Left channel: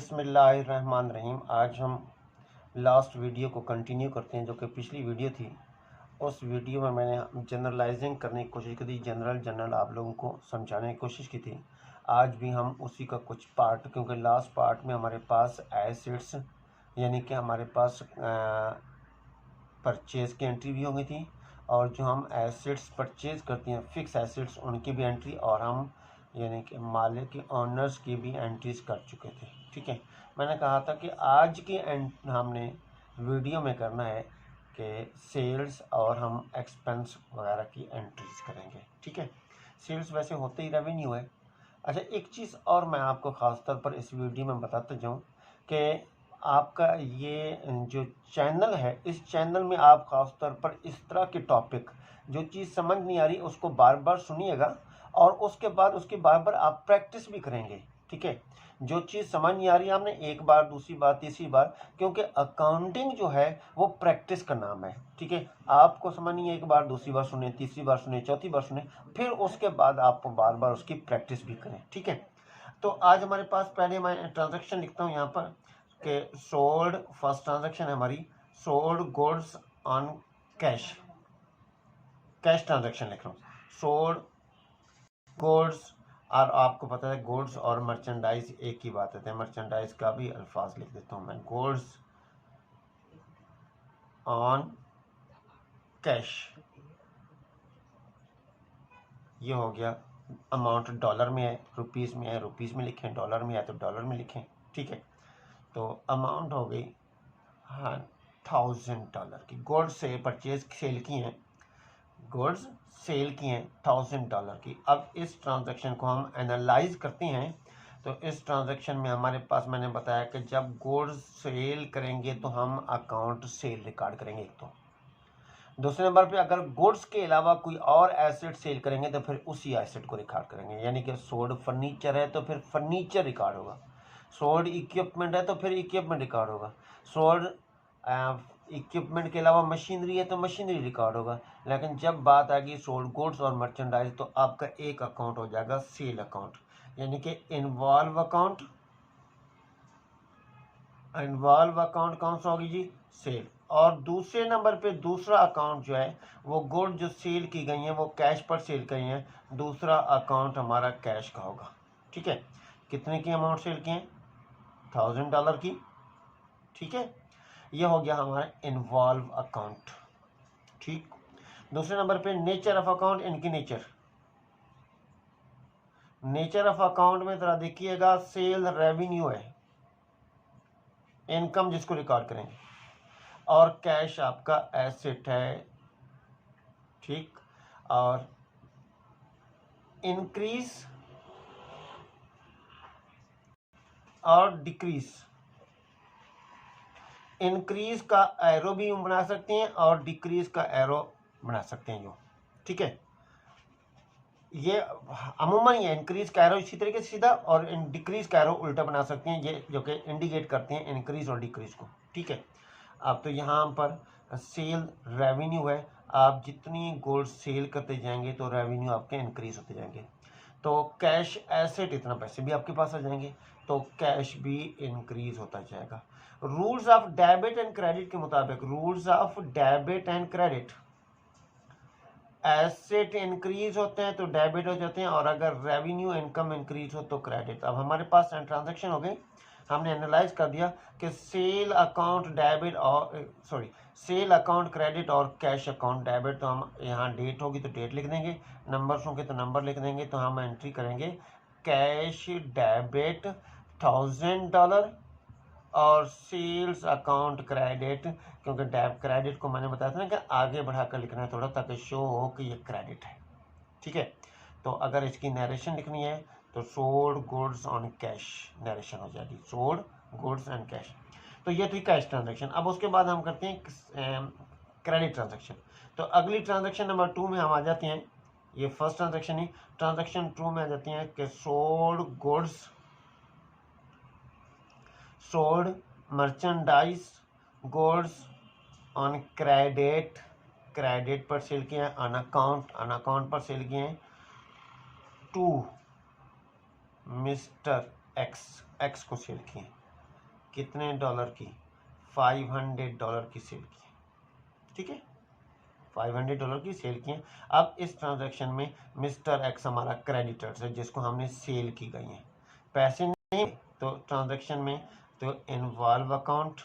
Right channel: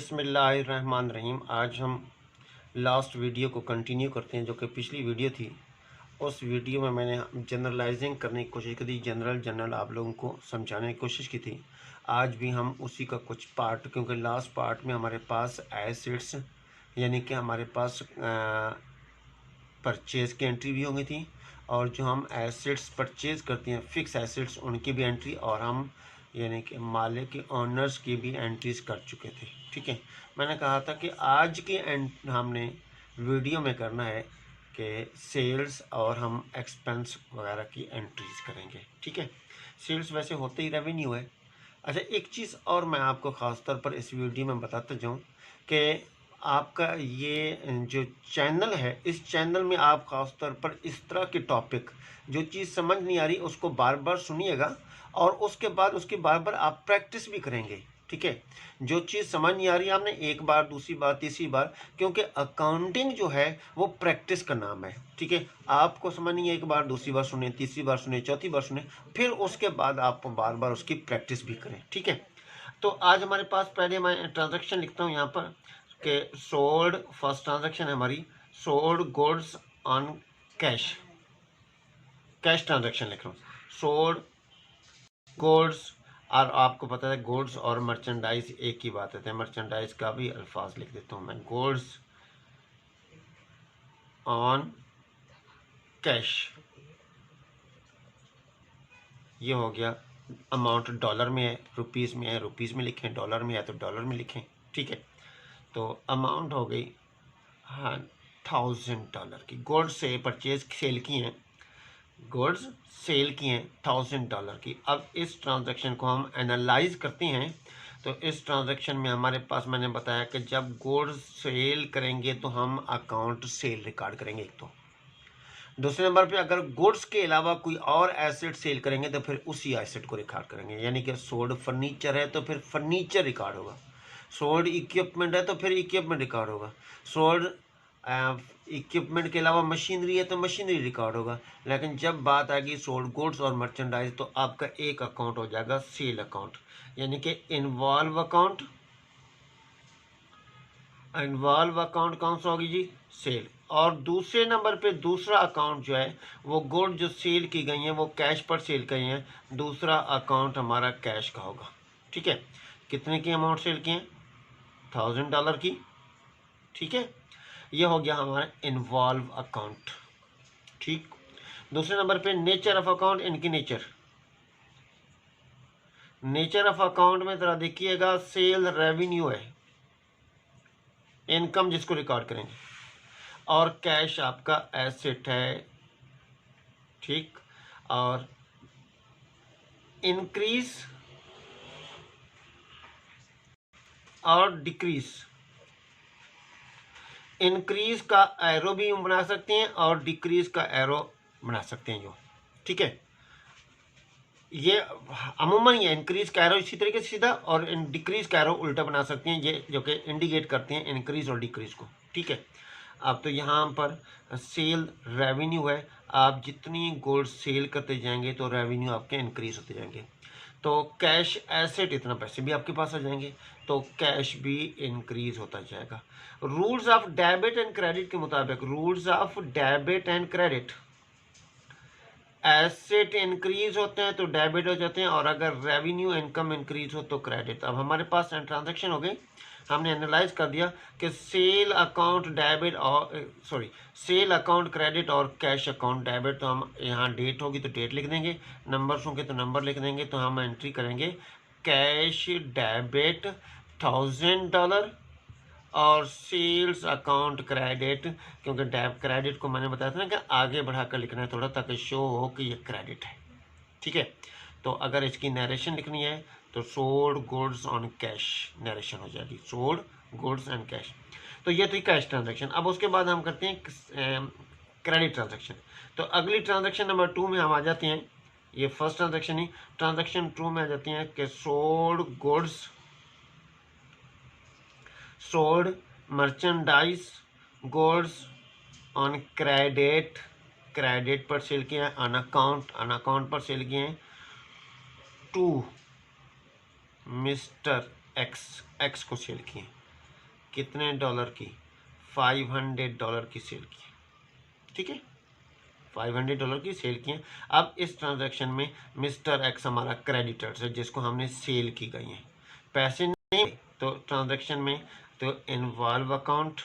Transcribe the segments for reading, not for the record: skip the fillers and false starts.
बिस्मिल्लाहिर्रहमानिर्रहीम। आज हम लास्ट वीडियो को कंटिन्यू करते हैं, जो कि पिछली वीडियो थी। उस वीडियो में मैंने जनरलाइजिंग करने की कोशिश की थी, जनरल आप लोगों को समझाने की कोशिश की थी। आज भी हम उसी का कुछ पार्ट, क्योंकि लास्ट पार्ट में हमारे पास एसेट्स यानी कि हमारे पास परचेज़ की एंट्री भी हो गई थी, और जो हम एसेट्स परचेज़ करते हैं फिक्स एसेट्स, उनकी भी एंट्री, और हम यानी कि मालिक के ऑनर्स की भी एंट्रीज कर चुके थे। ठीक है, मैंने कहा था कि आज की हमने वीडियो में करना है कि सेल्स और हम एक्सपेंस वगैरह की एंट्रीज करेंगे। ठीक है, सेल्स वैसे होते ही रेवेन्यू है। अच्छा, एक चीज़ और मैं आपको ख़ास तौर पर इस वीडियो में बताता जाऊँ कि आपका ये जो चैनल है, इस चैनल में आप ख़ास तौर पर इस तरह के टॉपिक, जो चीज़ समझ नहीं आ रही उसको बार बार सुनिएगा, और उसके बाद उसकी बार बार आप प्रैक्टिस भी करेंगे। ठीक है, जो चीज़ समझ नहीं आ रही आपने एक बार, दूसरी बार, तीसरी बार, क्योंकि अकाउंटिंग जो है वो प्रैक्टिस का नाम है। ठीक है, आपको समझ नहीं है एक बार, दूसरी बार सुने, तीसरी बार सुने, चौथी बार सुने, फिर उसके बाद आप बार बार उसकी प्रैक्टिस भी करें। ठीक है, तो आज हमारे पास पहले मैं ट्रांजैक्शन लिखता हूँ यहाँ पर कि सोल्ड, फर्स्ट ट्रांजैक्शन है हमारी sold goods on cash, cash transaction लिख रहा हूँ। सोल्ड गुड्स, और आपको पता है गुड्स और मर्चेंडाइज एक ही बात है, मर्चेंडाइज का भी अल्फाज लिख देता हूँ मैं, गुड्स ऑन कैश। ये हो गया। अमाउंट डॉलर में है, रुपीज़ में है, रुपीज़ में लिखें, डॉलर में है तो डॉलर में लिखें। ठीक है, तो अमाउंट हो गई हाँ $1000 की। गुड्स से परचेज सेल की हैं, गुड्स सेल की हैं $1000 की। अब इस ट्रांजैक्शन को हम एनालाइज करते हैं। तो इस ट्रांजैक्शन में हमारे पास मैंने बताया कि जब गुड्स सेल करेंगे तो हम अकाउंट सेल रिकॉर्ड करेंगे एक। तो दूसरे नंबर पे अगर गुड्स के अलावा कोई और एसेट सेल करेंगे तो फिर उसी एसेट को रिकॉर्ड करेंगे, यानी कि सोल्ड फर्नीचर है तो फिर फर्नीचर रिकॉर्ड होगा, सोल्ड इक्विपमेंट है तो फिर इक्विपमेंट रिकॉर्ड होगा, सोल्ड इक्विपमेंट के अलावा मशीनरी है तो मशीनरी रिकॉर्ड होगा। लेकिन जब बात आएगी सोल्ड गुड्स और मर्चेंडाइज तो आपका एक अकाउंट हो जाएगा सेल अकाउंट, यानी कि इन्वॉल्व अकाउंट। इन्वॉल्व अकाउंट कौन सा होगी जी? सेल। और दूसरे नंबर पे दूसरा अकाउंट जो है वो गुड जो सेल की गई हैं वो कैश पर सेल की हैं, दूसरा अकाउंट हमारा कैश का होगा। ठीक है, कितने की अमाउंट सेल की है? $1000 की। ठीक है, ये हो गया हमारा इन्वॉल्व अकाउंट। ठीक, दूसरे नंबर पे नेचर ऑफ अकाउंट, इनकी नेचर, नेचर ऑफ अकाउंट में जरा देखिएगा, सेल रेवेन्यू है, इनकम जिसको रिकॉर्ड करेंगे, और कैश आपका एसेट है। ठीक, और इंक्रीज और डिक्रीज, इंक्रीज का एरो भी बना सकते हैं और डिक्रीज का एरो बना सकते हैं जो। ठीक है, ये अमूमन ये इंक्रीज का एरो इसी तरीके से सीधा और डिक्रीज का एरो उल्टा बना सकते हैं, ये जो कि इंडिकेट करते हैं इंक्रीज और डिक्रीज को। ठीक है, अब तो यहाँ पर सेल रेवेन्यू है, आप जितनी गुड्स सेल करते जाएंगे तो रेवेन्यू आपके इंक्रीज होते जाएंगे। तो कैश एसेट, इतना पैसे भी आपके पास आ जाएंगे, तो कैश भी इंक्रीज होता जाएगा। Rules of debit and credit के मुताबिक, rules of debit and credit, asset increase होते हैं तो डेबिट हो जाते हैं, और अगर रेवेन्यू इनकम इंक्रीज हो तो क्रेडिट। अब हमारे पास ट्रांजैक्शन हो गई, हमने एनालाइज कर दिया कि सेल अकाउंट डेबिट और सेल अकाउंट क्रेडिट और कैश अकाउंट डेबिट। तो हम यहाँ डेट होगी तो डेट लिख देंगे, नंबर्स होंगे तो नंबर लिख देंगे। तो हम एंट्री करेंगे कैश डेबिट $1000 और सेल्स अकाउंट क्रेडिट, क्योंकि डेब क्रेडिट को मैंने बताया था ना कि आगे बढ़ाकर लिखना है थोड़ा, ताकि शो हो कि ये क्रेडिट है। ठीक है, तो अगर इसकी नरेशन लिखनी है तो sold goods on cash narration हो जाएगी, सोल्ड गुड्स एंड कैश। तो ये थी कैश ट्रांजैक्शन। अब उसके बाद हम करते हैं क्रेडिट ट्रांजैक्शन। तो अगली ट्रांजैक्शन नंबर 2 में हम आ जाते हैं, ये फर्स्ट ट्रांजैक्शन ही, ट्रांजैक्शन 2 में आ जाती हैं कि sold goods, sold merchandise goods on credit, credit पर सेल किए हैं, ऑन अकाउंट, ऑन अकाउंट पर सेल किए हैं टू मिस्टर एक्स, एक्स को सेल किए। कितने डॉलर की? $500 की सेल की, ठीक है, $500 की सेल की है। अब इस ट्रांजैक्शन में मिस्टर एक्स हमारा क्रेडिटर्स है जिसको हमने सेल की गई है, पैसे नहीं तो ट्रांजैक्शन में तो इन्वॉल्व अकाउंट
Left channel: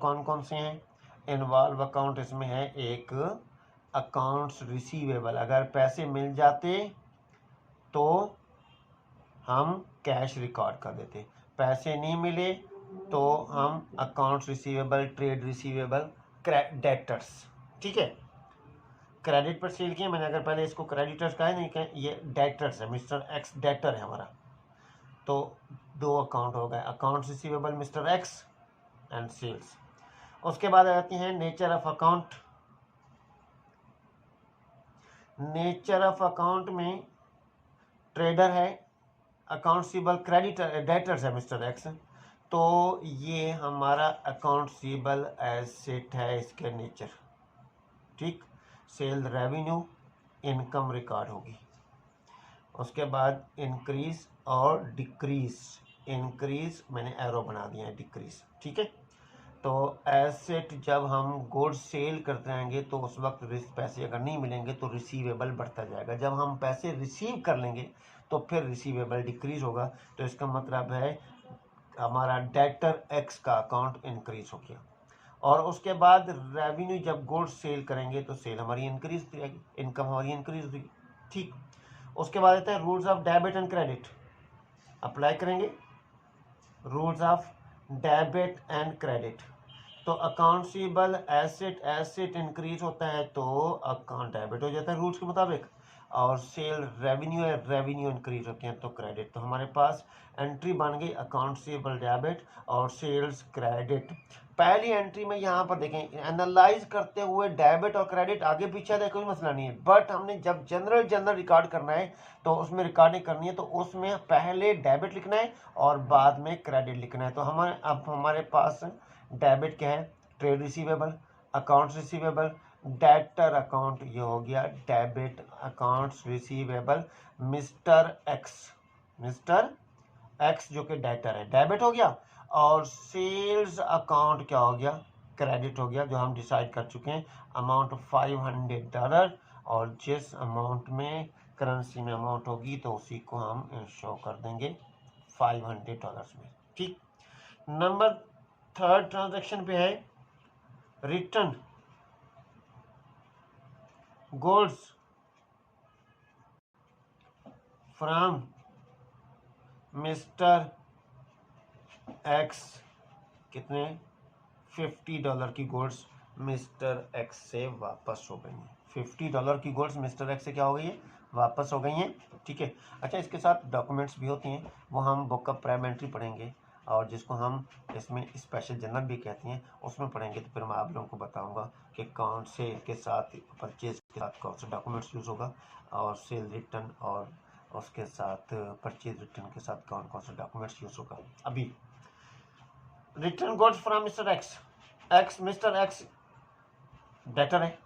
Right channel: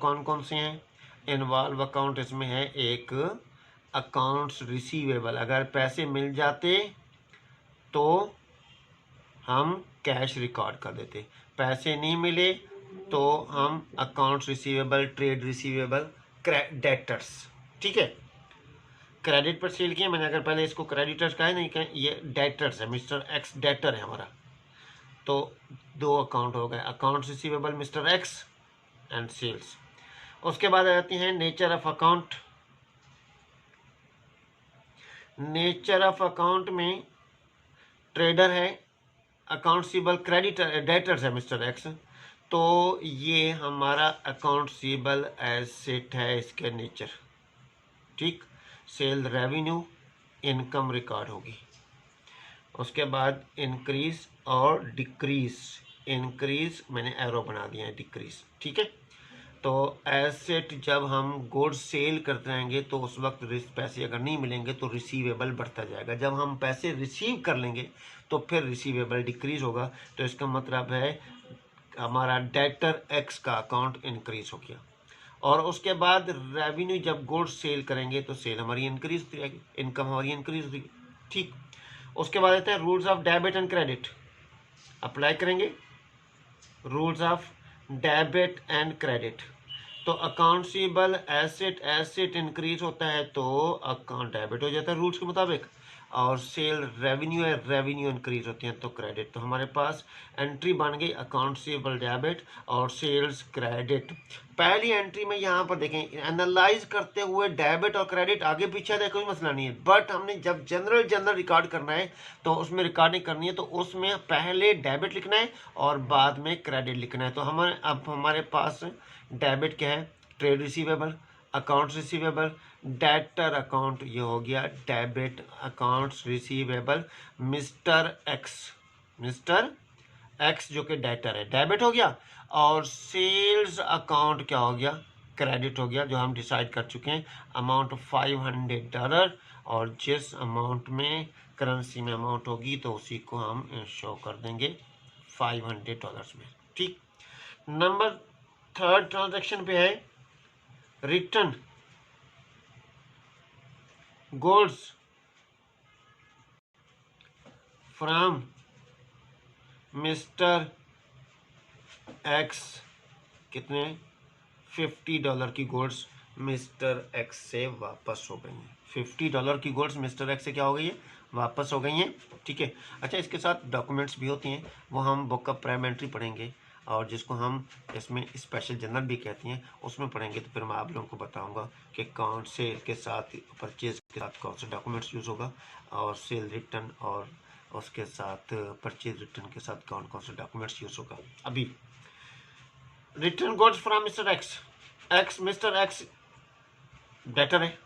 कौन कौन से हैं? इन्वॉल्व अकाउंट इसमें है एक अकाउंट्स रिसीवेबल, अगर पैसे मिल जाते तो हम कैश रिकॉर्ड कर देते, पैसे नहीं मिले तो हम accounts receivable, trade receivable, debtors, ठीक है। क्रेडिट पर सेल किए मैंने, अगर पहले इसको क्रेडिटर्स कहा है, नहीं कहें, ये डेटर्स है, मिस्टर एक्स डेटर है हमारा, तो दो अकाउंट हो गए, accounts receivable mister X and sales. उसके बाद आ जाती हैं nature of account. Nature of account में ट्रेडर है, अकाउंट सीबल क्रेडिटर डेटर्स है मिस्टर एक्स, तो ये हमारा अकाउंट सीबल एसेट है, इसके नेचर, ठीक। सेल रेवेन्यू इनकम रिकॉर्ड होगी। उसके बाद इंक्रीज और डिक्रीज, इंक्रीज मैंने एरो बना दिया है, डिक्रीज, ठीक है। तो एसेट जब हम गुड्स सेल करते रहेंगे तो उस वक्त पैसे अगर नहीं मिलेंगे तो रिसीवेबल बढ़ता जाएगा, जब हम पैसे रिसीव कर लेंगे तो फिर रिसीवेबल डिक्रीज होगा, तो इसका मतलब है हमारा डेटर एक्स का अकाउंट इंक्रीज हो गया। और उसके बाद रेवेन्यू, जब गुड्स सेल करेंगे तो सेल हमारी इंक्रीज होती जाएगी, इनकम हमारी इंक्रीज होगी, ठीक। उसके बाद आते हैं rules of debit and credit, apply करेंगे rules of debit and credit. तो अकाउंट सीबल एसेट इंक्रीज होता है तो अकाउंट डेबिट हो जाता है रूल्स के मुताबिक, और सेल रेवेन्यू इंक्रीज होती हैं तो क्रेडिट। तो हमारे पास एंट्री बन गई अकाउंट सीबल डेबिट और सेल्स क्रेडिट। पहली एंट्री में यहाँ पर देखें, एनालाइज करते हुए डेबिट और क्रेडिट आगे पीछे है, कोई मसला नहीं है, बट हमने जब जनरल रिकॉर्ड करना है तो उसमें रिकॉर्डिंग करनी है तो उसमें पहले डेबिट लिखना है और बाद में क्रेडिट लिखना है। तो हमारे पास डेबिट क्या है? Trade receivable, accounts receivable, debtor account, ये हो गया debit accounts receivable mister x जो कि डेटर है, डेबिट हो गया। और सेल्स अकाउंट क्या हो गया? क्रेडिट हो गया, जो हम डिसाइड कर चुके हैं, अमाउंट $500, और जिस अमाउंट में करेंसी में अमाउंट होगी तो उसी को हम शो कर देंगे $500 में, ठीक। नंबर थर्ड ट्रांजैक्शन पे है return goods from mister x, कितने? $50 की गुड्स मिस्टर एक्स से वापस हो गई हैं। $50 की गुड्स मिस्टर एक्स से क्या हो गई है? वापस हो गई हैं, ठीक है। अच्छा, इसके साथ डॉक्यूमेंट्स भी होती हैं, वो हम बुक ऑफ प्राइम एंट्री पढ़ेंगे, और जिसको हम इसमें स्पेशल जर्नल भी कहती हैं, उसमें पढ़ेंगे तो फिर मैं आप लोगों को बताऊंगा कि कौन से के साथ परचेज के साथ कौन सा डॉक्यूमेंट्स यूज़ होगा, और सेल रिटर्न और उसके साथ परचेज रिटर्न के साथ कौन कौन सा डॉक्यूमेंट्स यूज़ होगा। अभी return goods from mister x mister x debtor है,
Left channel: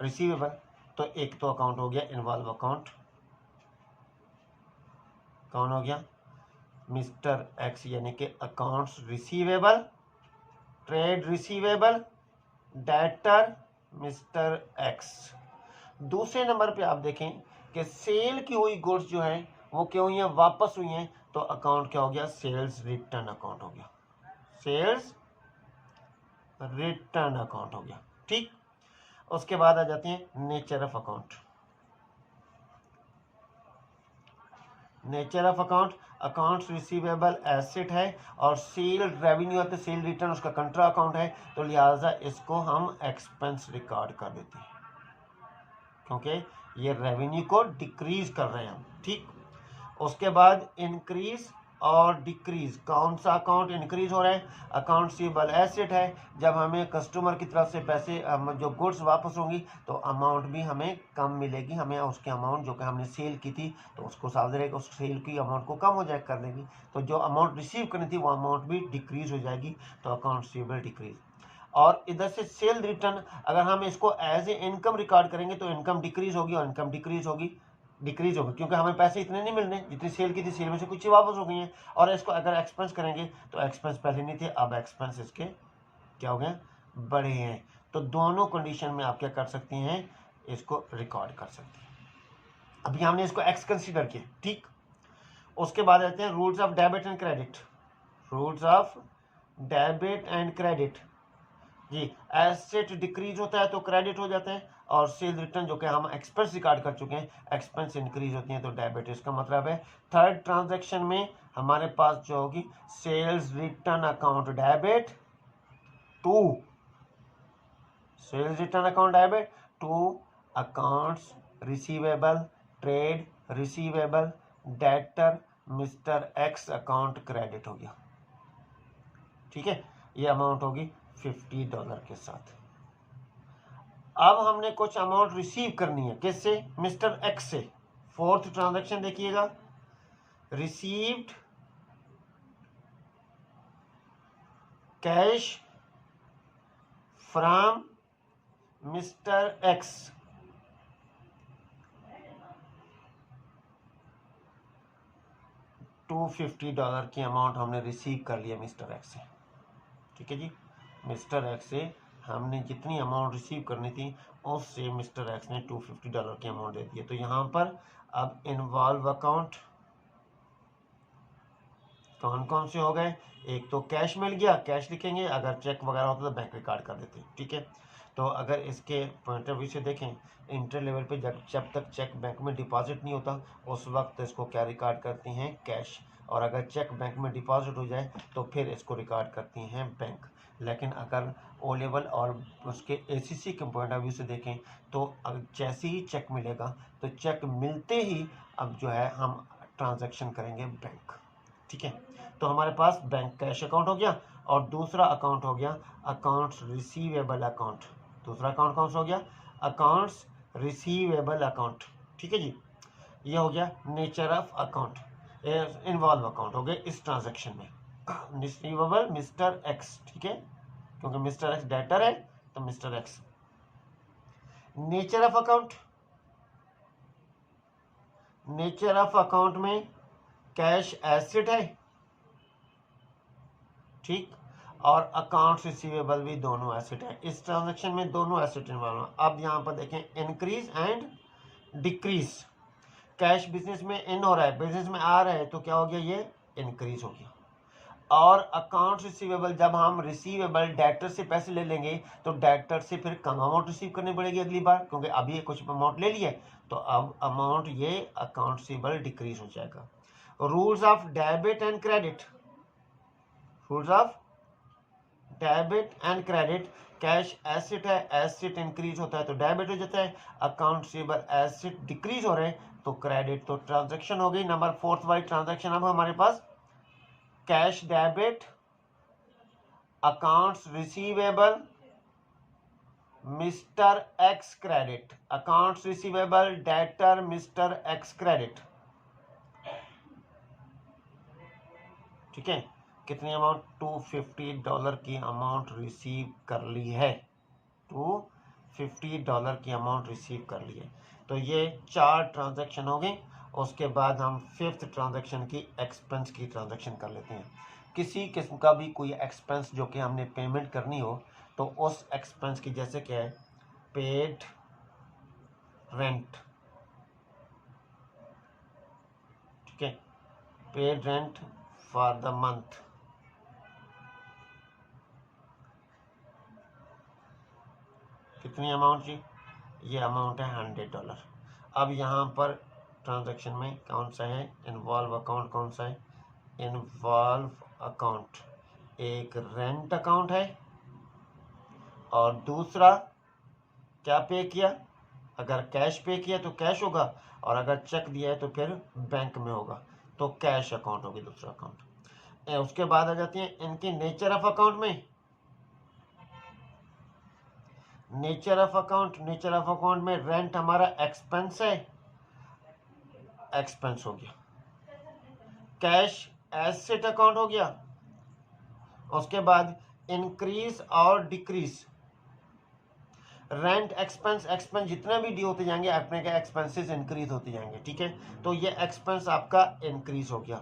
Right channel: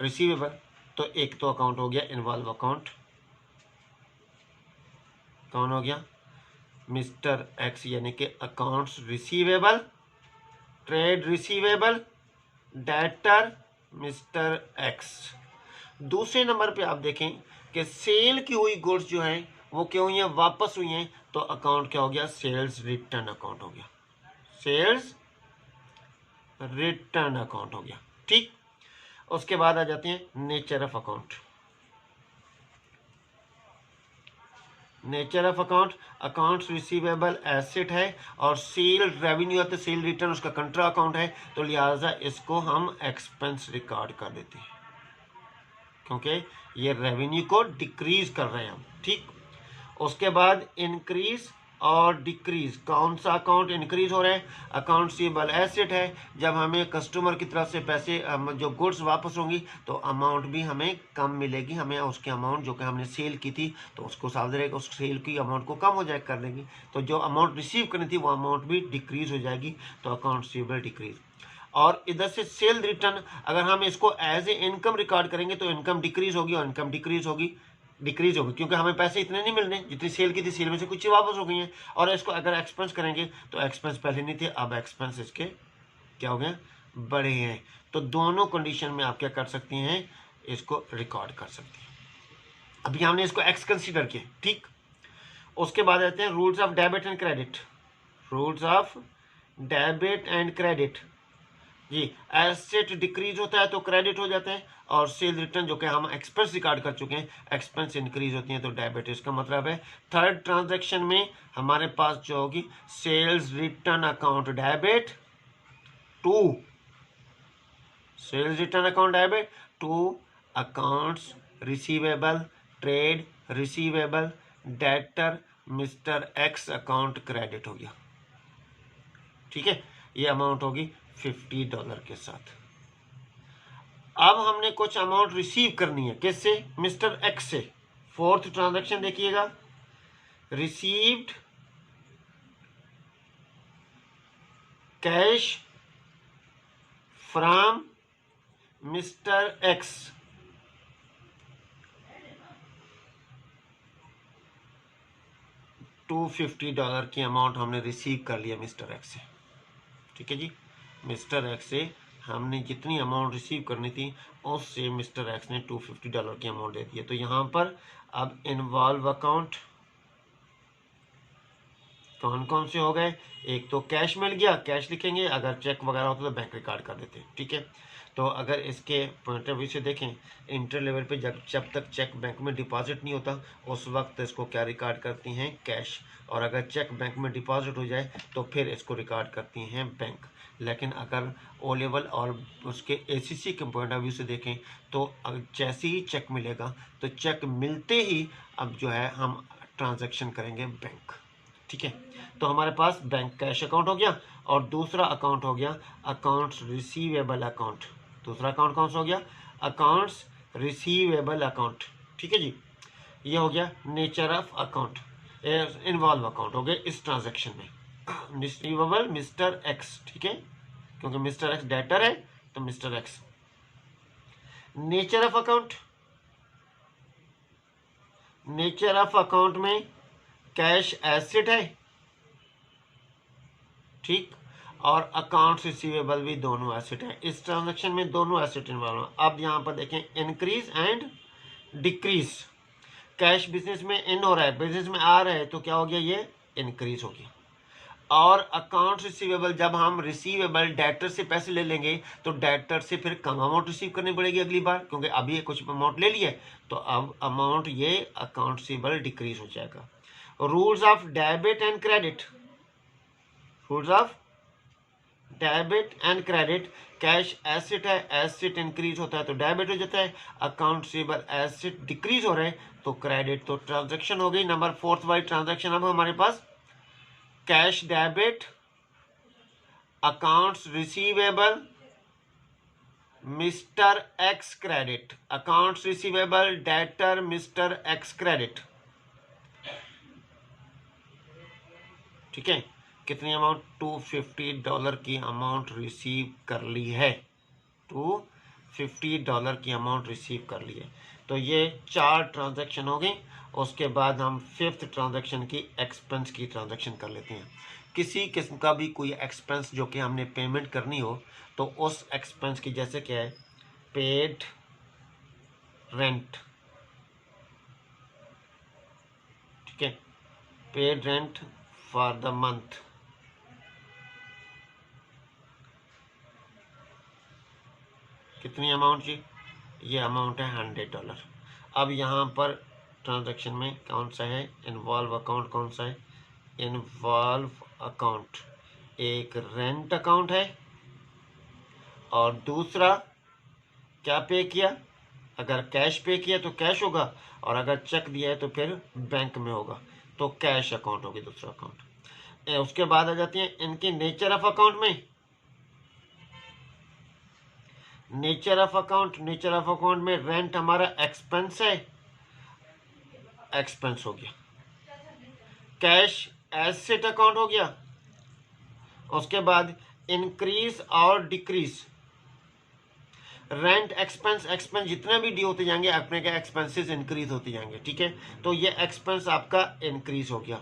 रिसीवेबल, तो एक तो अकाउंट हो गया इन्वॉल्व अकाउंट, कौन हो गया? मिस्टर एक्स, यानी कि accounts receivable, trade receivable, debtor mister x. दूसरे नंबर पे आप देखें कि सेल की हुई गुड्स जो है वो क्या हुई हैं? वापस हुई हैं, तो अकाउंट क्या हो गया? सेल्स रिटर्न अकाउंट हो गया, सेल्स रिटर्न अकाउंट हो गया, ठीक। उसके बाद आ जाते हैं nature of account. Nature of account, accounts receivable asset है, और सेल रेवेन्यू है तो सेल रिटर्न उसका कंट्रा अकाउंट है, तो लिहाजा इसको हम एक्सपेंस रिकॉर्ड कर देते हैं क्योंकि ये रेवेन्यू को डिक्रीज कर रहे हैं हम, ठीक। उसके बाद इंक्रीज और डिक्रीज, कौन सा अकाउंट इंक्रीज हो रहा है? अकाउंट सीबल एसेट है, जब हमें कस्टमर की तरफ से पैसे जो गुड्स वापस होंगी तो अमाउंट भी हमें कम मिलेगी, हमें उसके अमाउंट जो कि हमने सेल की थी तो उसको साथ रहेगा, उस सेल की अमाउंट को कम हो जाए कर देंगी, तो जो अमाउंट रिसीव करनी थी वो अमाउंट भी डिक्रीज हो जाएगी, तो अकाउंट सीबल डिक्रीज। और इधर से सेल रिटर्न, अगर हम इसको एज ए इनकम रिकॉर्ड करेंगे तो इनकम डिक्रीज होगी और इनकम डिक्रीज होगी, डिक्रीज होगी, क्योंकि हमें पैसे इतने नहीं मिलने जितनी सेल की थी, सेल में से कुछ ही वापस हो गई हैं। और इसको अगर एक्सपेंस करेंगे तो एक्सपेंस पहले नहीं थे, अब एक्सपेंस इसके क्या हो गए, बढ़े हैं। तो दोनों कंडीशन में आप क्या कर सकती हैं, इसको रिकॉर्ड कर सकती हैं। अभी हमने इसको एक्स कंसीडर किया, ठीक। उसके बाद आते हैं rules of debit and credit. Rules of debit and credit जी, एसेट डिक्रीज होता है तो क्रेडिट हो जाता है, और सेल रिटर्न जो कि हम एक्सपेंस रिकॉर्ड कर चुके हैं, एक्सपेंस इंक्रीज होती है तो डेबिट। इसका मतलब है थर्ड ट्रांजैक्शन में हमारे पास जो होगी sales return account debit to sales return account debit to accounts receivable trade receivable debtor mister X account credit हो गया, ठीक है। ये अमाउंट होगी $50 के साथ। अब हमने कुछ अमाउंट रिसीव करनी है, किससे, मिस्टर एक्स से। फोर्थ ट्रांजैक्शन देखिएगा, received cash from mister x, $250 की अमाउंट हमने रिसीव कर लिया मिस्टर एक्स से, ठीक है जी। मिस्टर एक्स से हमने जितनी अमाउंट रिसीव करनी थी उससे मिस्टर एक्स ने $250 की अमाउंट दे दी है। तो यहाँ पर अब इन्वॉल्व अकाउंट कौन कौन से हो गए, एक तो कैश मिल गया, कैश लिखेंगे, अगर चेक वगैरह होता तो बैंक रिकॉर्ड कर देते, ठीक है। तो अगर इसके पॉइंट ऑफ व्यू से देखें, इंटर लेवल पे जब तक चेक बैंक में डिपॉजिट नहीं होता उस वक्त इसको क्या रिकॉर्ड करती हैं, कैश। और अगर चेक बैंक में डिपॉजिट हो जाए तो फिर इसको रिकॉर्ड करती हैं बैंक। लेकिन अगर ओ लेवल और उसके एसीसी के पॉइंट ऑफ व्यू से देखें तो जैसे ही चेक मिलेगा तो चेक मिलते ही अब जो है हम ट्रांजैक्शन करेंगे बैंक, ठीक है। तो हमारे पास बैंक कैश अकाउंट हो गया, और दूसरा अकाउंट हो गया अकाउंट्स रिसीवेबल अकाउंट। दूसरा अकाउंट कौन सा हो गया, अकाउंट्स रिसीवेबल अकाउंट, ठीक है जी। ये हो गया nature of account, involve account हो गया इस ट्रांजैक्शन में। रिसीवेबल मिस्टर एक्स, ठीक है, क्योंकि मिस्टर एक्स डेटर है तो mister x. Nature of account, nature of account में कैश एसेट है, ठीक, और अकाउंट्स रिसीवेबल भी दोनों एसेट है। इस ट्रांजैक्शन में दोनों एसेट इन्वॉल्व है। अब यहाँ पर देखें increase and decrease, cash business में इन हो रहा है, बिजनेस में आ रहा है तो क्या हो गया, ये इंक्रीज हो गया। और अकाउंट्स रिसीवेबल, जब हम रिसीवेबल डेटर से पैसे ले लेंगे तो डेटर से फिर कम अमाउंट रिसीव करनी पड़ेगी अगली बार, क्योंकि अभी ये कुछ अमाउंट ले लिया है तो अब अमाउंट ये अकाउंट रिसीवेबल डिक्रीज हो जाएगा। Rules of debit and credit, rules of debit and credit, cash asset है, एसेट इंक्रीज होता है तो डेबिट हो जाता है, अकाउंट रिसीवेबल एसेट डिक्रीज हो रहे हैं तो क्रेडिट। तो ट्रांजैक्शन हो गई नंबर फोर्थ वाली ट्रांजैक्शन। अब हमारे पास cash debit, accounts receivable mister X credit, accounts receivable debtor mister X credit, ठीक है। कितनी अमाउंट, $250 की अमाउंट रिसीव कर ली है, $250 की अमाउंट रिसीव कर ली है। तो ये 4 ट्रांजैक्शन हो गई। उसके बाद हम फिफ्थ ट्रांजैक्शन की एक्सपेंस की ट्रांजैक्शन कर लेते हैं। किसी किस्म का भी कोई एक्सपेंस जो कि हमने पेमेंट करनी हो तो उस एक्सपेंस की, जैसे क्या है, पेड रेंट, ठीक है, paid rent for the month, कितनी अमाउंट जी, ये अमाउंट है $100। अब यहाँ पर ट्रांजैक्शन में कौन सा है, इन्वॉल्व अकाउंट कौन सा है, इन्वॉल्व अकाउंट एक रेंट अकाउंट है, और दूसरा क्या पे किया, अगर कैश पे किया तो कैश होगा, और अगर चेक दिया है तो फिर बैंक में होगा, तो कैश अकाउंट होगी दूसरा अकाउंट। उसके बाद आ जाती है इनकी नेचर ऑफ अकाउंट में, nature of account, nature of account में रेंट हमारा एक्सपेंस है, एक्सपेंस हो गया, कैश एसेट अकाउंट हो गया। उसके बाद इंक्रीज और डिक्रीज, रेंट एक्सपेंस, एक्सपेंस जितने भी डी होते जाएंगे अपने के एक्सपेंसेस इंक्रीज होते जाएंगे, ठीक है। तो ये एक्सपेंस आपका इंक्रीज हो गया।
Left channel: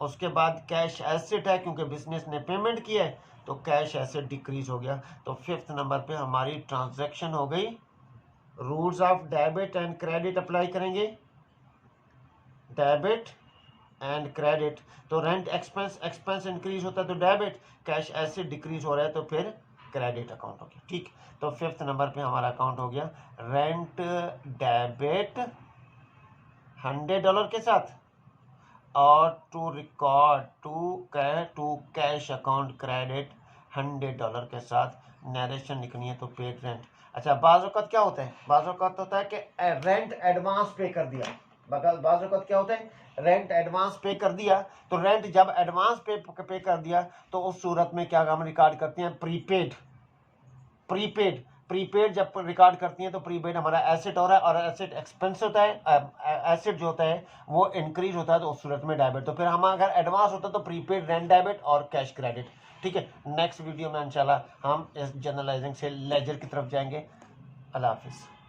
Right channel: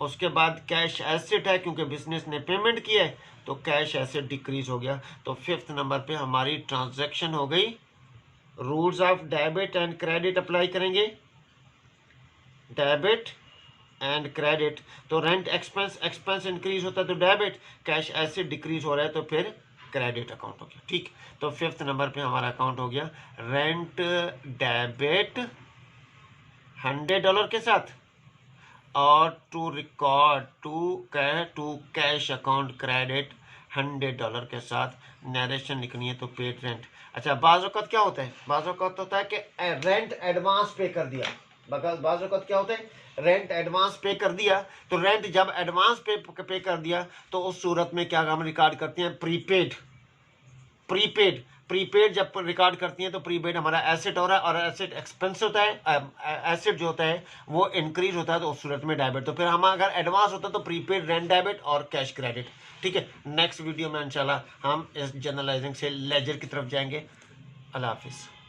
उसके बाद कैश एसेट है, क्योंकि बिजनेस ने पेमेंट किया है तो कैश एसेट डिक्रीज हो गया। तो फिफ्थ नंबर पे हमारी ट्रांजैक्शन हो गई। Rules of debit and credit apply करेंगे, डेबिट एंड क्रेडिट। तो रेंट एक्सपेंस, एक्सपेंस इंक्रीज होता है तो डेबिट, कैश एसेट डिक्रीज हो रहा है तो फिर क्रेडिट अकाउंट हो गया, ठीक। तो फिफ्थ नंबर पे हमारा अकाउंट हो गया रेंट डेबिट $100 के साथ, और to record to cash account credit $100 के साथ। नरेशन लिखनी है तो पेड रेंट। अच्छा, बाज़ औक़ात क्या होता है, बाज़ औक़ात होता है कि रेंट एडवांस पे कर दिया। बाज़ औक़ात क्या होता है, रेंट एडवांस पे कर दिया। तो रेंट जब एडवांस पे कर दिया तो उस सूरत में क्या हम रिकॉर्ड करते हैं, प्रीपेड। प्रीपेड प्रीपेड जब रिकॉर्ड करती हैं तो प्रीपेड हमारा एसेट हो रहा है, और एसेट एक्सपेंस होता है, एसेट जो होता है वो इंक्रीज होता है तो उस सूरत में डेबिट। तो फिर हम अगर एडवांस होता है तो प्रीपेड, रेंट डेबिट और कैश क्रेडिट, ठीक है। नेक्स्ट वीडियो में इंशाल्लाह हम इस जनरलाइजिंग से लेजर की तरफ जाएंगे। अल्लाह हाफिज़।